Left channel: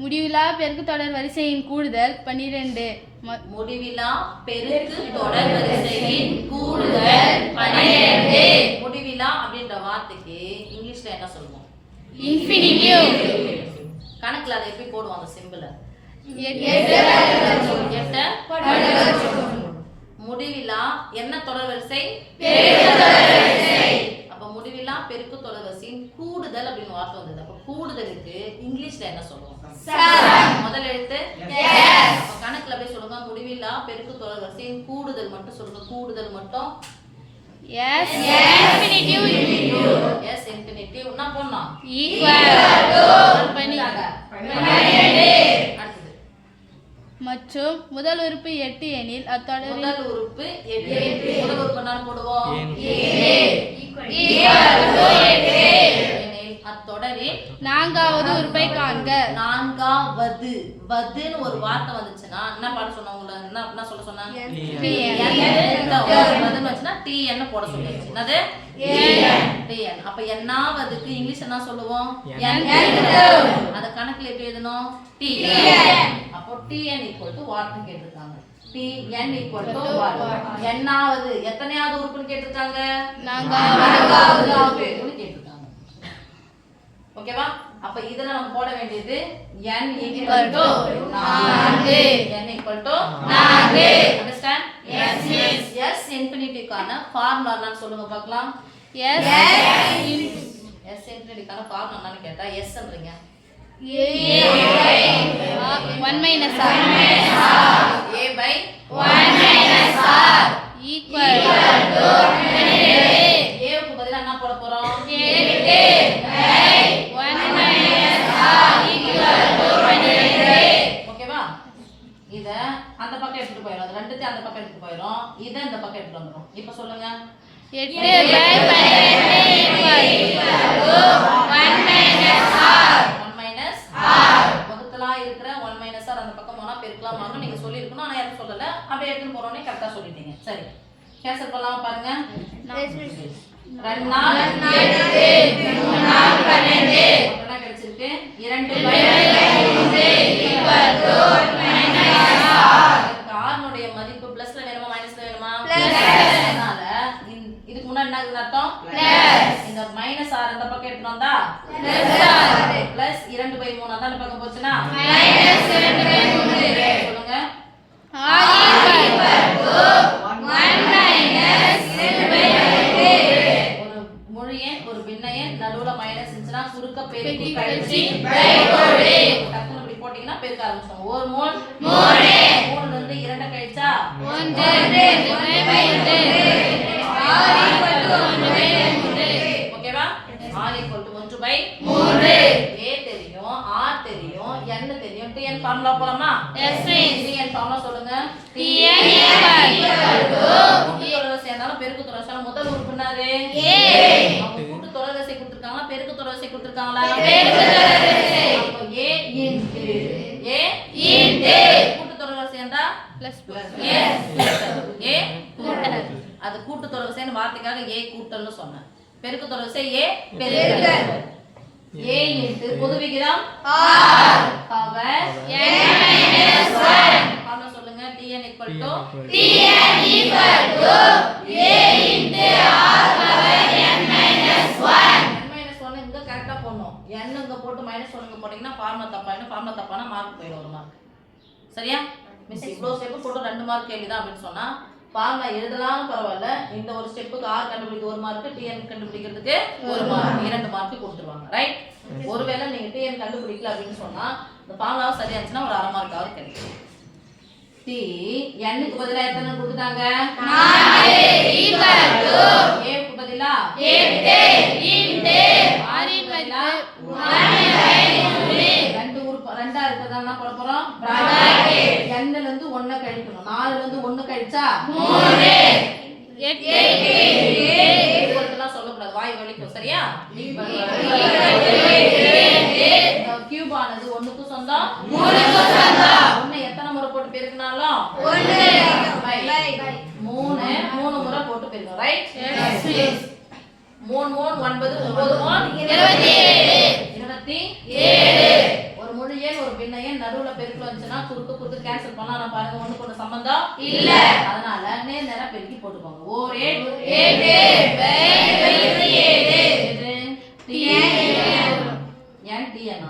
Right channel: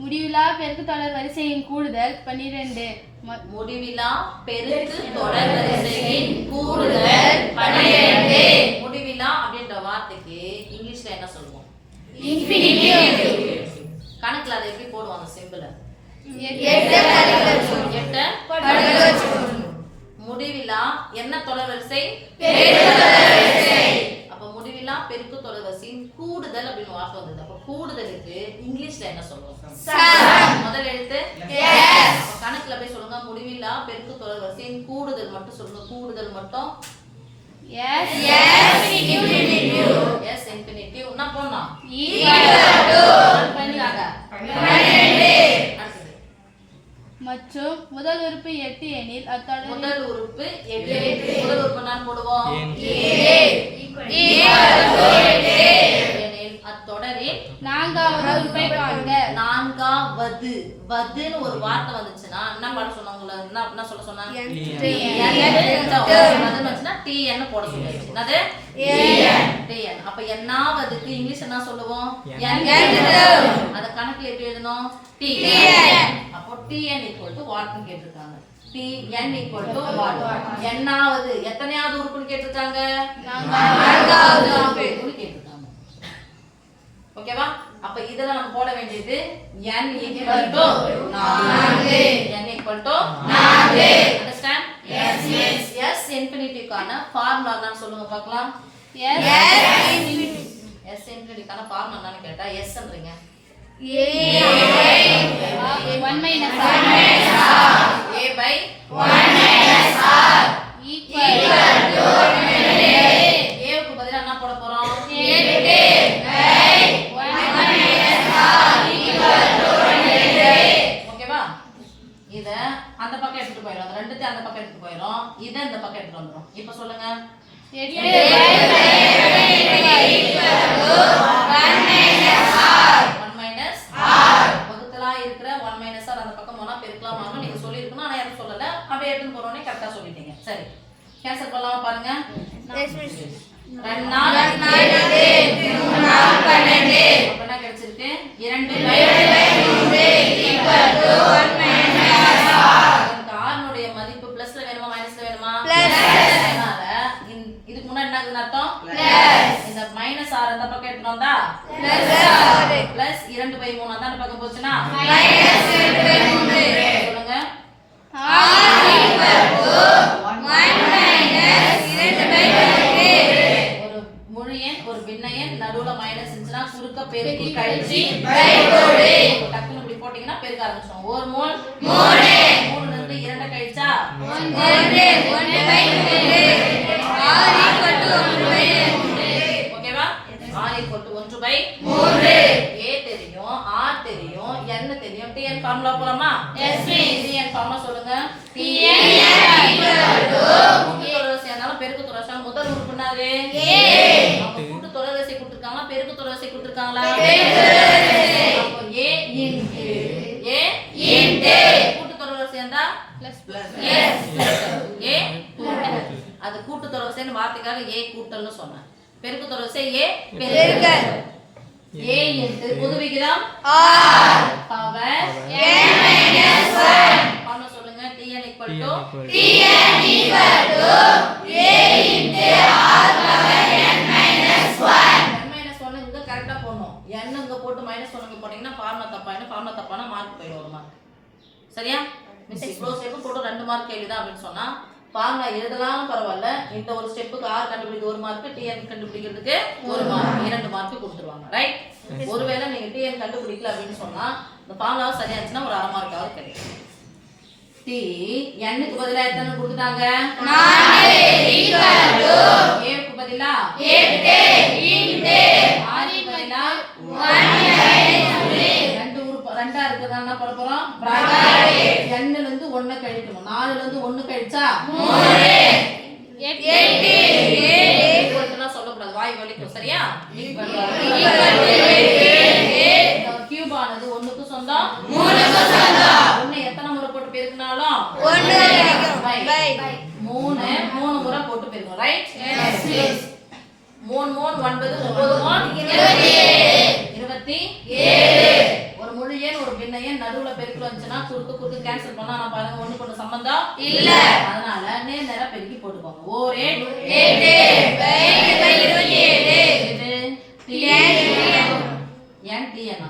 முடிவிலா பெருக்கு தொடர் வரிசையின் கூடுதல் 12. முடிவிலா பெருக்கு தொடர் வரிசையின் கூடுதல் 12. முடிவிலா அப்படின்ற வார்த்தைக்கு இங்கிலீஷ்ல என்ன சொல்லுவோம்? இன்ஃபினிட்டிவ். கணக்குல அதை எப்படி போடுவாங்க? சிம்பிள் முடிவிலா என்ன தொடர் வரிசை? அப்ப முடிவிலா பெருக்கு தொடர் வரிசையின் கூடுதல் அப்படின்னு வார்த்தை வந்தது. அப்ப கூடுதலுக்கு இங்கிலீஷ்ல என்ன சொல்லுவோம்? முதல் எழுத்து கணக்குல போய் சொல்லுங்க. முடிவிலா பெருக்கு தொடர் வரிசையின் கூடுதல் மட்டும் சொல்லுங்க. கூடுதல் மட்டும் இன்ஃபினிட்டிவ். நான் போடணும் மற்றும் முதல் உறுப்பு 8 எனில் அத்தொடரின் முதல் உறுப்பு 8. முதல் உறுப்பு நான் போடுவோம் அத்தொடரின் நான்காவது உறுப்பை காண்க. நான்காவது வதுன்னு ஒரு வார்த்தை வந்துச்சுன்னா என்ன பாட சொன்னாங்க? என்ன சொல்ல சொன்னாங்க? TN போட சொல்லுங்க. என்னது? TN. அப்ப என்னாவதுக்கு இங்கிலீஷ் என்ன சொல்லுவோம்? அத கணக்குல எப்படி எழுதணும்? TN. அப்போ TN = வாட்னு கேட்டிருக்காங்க. TN = what. என்னாவது எத்தனையாவது உறுப்புன்னு கேட்டிருக்காங்க? நான்காவது உறுப்புன்னு கேட்டிருக்காங்க. ஓகேவா? அப்ப இதெல்லாம் நம்ம போட வேண்டியது n = 4. n = 4. Understand? yes இன்ஃபினிட்டிவ்கான formula என்னன்னு சொல்லுங்க பார்க்கலாம். s இன்ஃபினிட்டிவ்கான ஃபார்முலா என்னன்னு கேட்டா sன்றீங்க. a by 1 a க்கு பதிலா என்ன போட போறோம்? ஓகேவா? இத அந்த பக்கம் எடுத்துட்டு போயிடும். ரெண்டுத்தையும் அந்த பக்கம் எடுத்துட்டு போயிடும். இத இந்த பக்கம் எடுத்துட்டு வந்துரும். இப்போ சொல்லுங்க. 8 வகுத்தலா இருக்கிற 1 - r அந்த பக்கம் போனா பெருக்கலாம் வாங்க நீங்க சொல்லி இருக்கணும். ஆனா யாரும் சொல்லல. அப்படியே எடுத்து போறோனே கரெக்ட்டா சொல்லிட்டீங்க. சரி, கேன்சல் பண்ணலாமா பாருங்க. 2 4 3 4 12 அப்பனா கிடைச்சிருக்கு 2/3 r னுடைய மதிப்பு பிளஸ்ல வேணுமா மைனஸ்ல வேணுமா? அதனால இதுக்கு முன்னாடி என்ன அர்த்தம்? இந்த -r அந்த பக்கம் எடுத்து வந்தா பிளஸ் 2/3 அதான் அந்த பக்கம் போச்சுனா -2/3 சொல்லுங்க. ஒரு முழு எண் ஒரு பின்ன எண் நடுவுல மைனஸ் இருந்துச்சுனா குறுக்க பெருக்கி கழிச்சு டக்குனு இப்படி போட்டீங்கன்னா பெருக்க ஆரம்பிச்சோம். ஒரு மூல் 3 ல இருந்து 2 கழிச்சா 1/2 ஓகேவா? r = 1/3. a தெரியும், r தெரியும், n தெரியும். tn ஃபார்முலா போலாமா? tn ஃபார்முலா சொல்லுங்க. கூட்டு தொடர்வரிசை இருந்தாலும் பெருக்கு தொடர்வரிசை முதல் உறுப்பு என்னது? அப்ப கூட்டு தொடர்வரிசை கொடுத்திருக்காங்களா பெருக்கு தொடர்வரிசை கொடுத்திருக்காங்களா? அப்ப a கூட்டு தொடர்வரிசை இருந்தா பிளஸ் a அது கூட்டு தொடர்வரிசைன்னு வார்த்தைக்காக a கூட்டல்னு சொன்னேன். பெருக்கு தொடர்வரிசை a பெருக்கல். a பொது விகிதம் r பவர் n - 1 சொல்லுங்க. tn = a r power n - 1 இங்க கரெக்ட்டா போடணும். n இங்க போட்டு -1 இங்க போட்டீங்கன்னா ஃபார்முலா தப்பாயிடும். ஃபார்முலா தப்பானா மார்க் போயிடும். ஒரு மார்க். சரியா? மிஸ் இவ்ளோ ஸ்டெப் போட்டு 2 மார்க் கேள்விதான் அப்படினு சொன்னா ஃபார்முலா எழுதலாம்னு பரவாயில்ல. இந்த ஒரு ஸ்டெப்புக்கு r கண்டுபிடிக்க 1 மார்க், tn கண்டுபிடிக்கிறதுக்கு 1 மார்க், 2 மார்க் கொடுத்துருவாங்க. ரைட்? ஒருவேளை நீங்க tn கண்டுபிடிக்கல அப்படினு சொன்னா இந்த ஃபார்முலா சரியா இருந்துச்சுனா ஒரு 1/2 மார்க்காவது கிடைக்கும். t n க்கு பதிலா எத்தனை கொடுத்துட்டாங்க? 4 a க்கு பதிலா 8 r க்கு பதிலா 2 உறுப்பு 2 இருக்குதா என்ன பண்ண போறோம்? n ல இருந்து 1 கழிக்கணும். 4 ல இருந்து 1 கழிச்சா 8 ஈக்குவல்னா சொல்ல கூடாது. வாய் வலிக்கும். சரியா? கியூப் ஆனது 1 க்கு சொந்தம் 3 க்கு சொந்தம். 1 எத்தனை முறை போட்டு பெருக்கினாலும் 3 முறை போட்டு பெருக்கணும். ரைட்? 3 3 9 9 27 27 ஒரு முழு எண் ஒரு பின்ன எண் நடுவுல பெருக்கல் வந்துச்சுன்னா குறுக்கு கேன்சல் பண்ணா நான் பாருங்க ஒண்ணுக்கு ஒண்ணு சம்பந்தம் இல்ல. அதனால நேரா பெருக்கி போட்டுக்கோங்க. ஓர் 8 இது n t n